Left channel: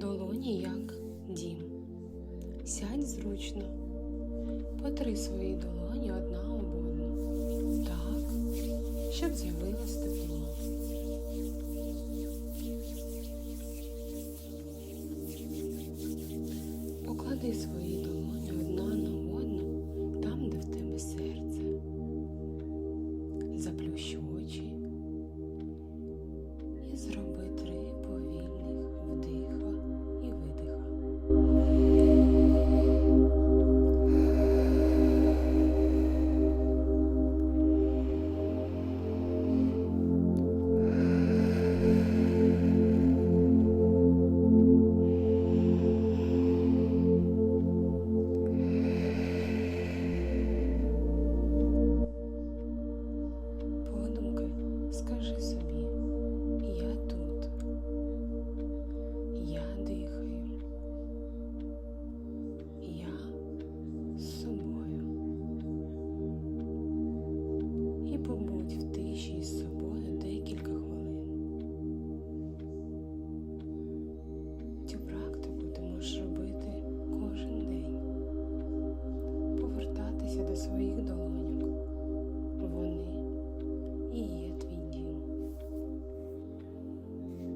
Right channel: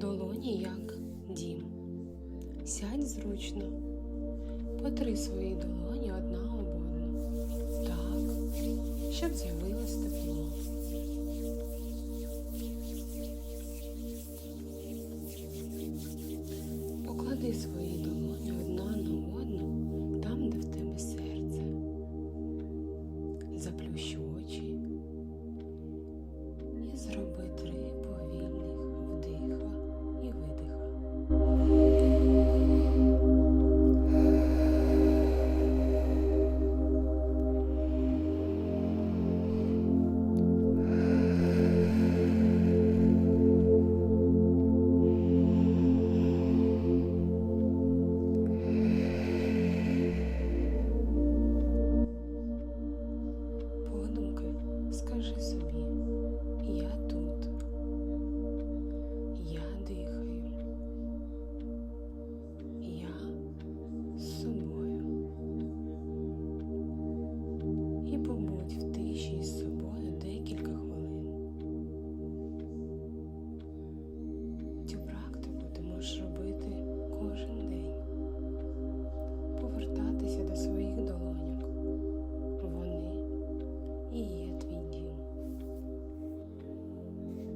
Долоні як дім. Сядь зручно. Потри свої долоні одна об одну. Так, щоб з'явилось тепло. Поклади свої долоні одна на одну там, де в тебе серце. Заплющ очі і зроби три скажи собі, я тут, я дихаю, я з собою. І побудь в тиші з собою декілька хвилин. Цю практику ти можеш робити кожен день, повертатися до своїх долоньок.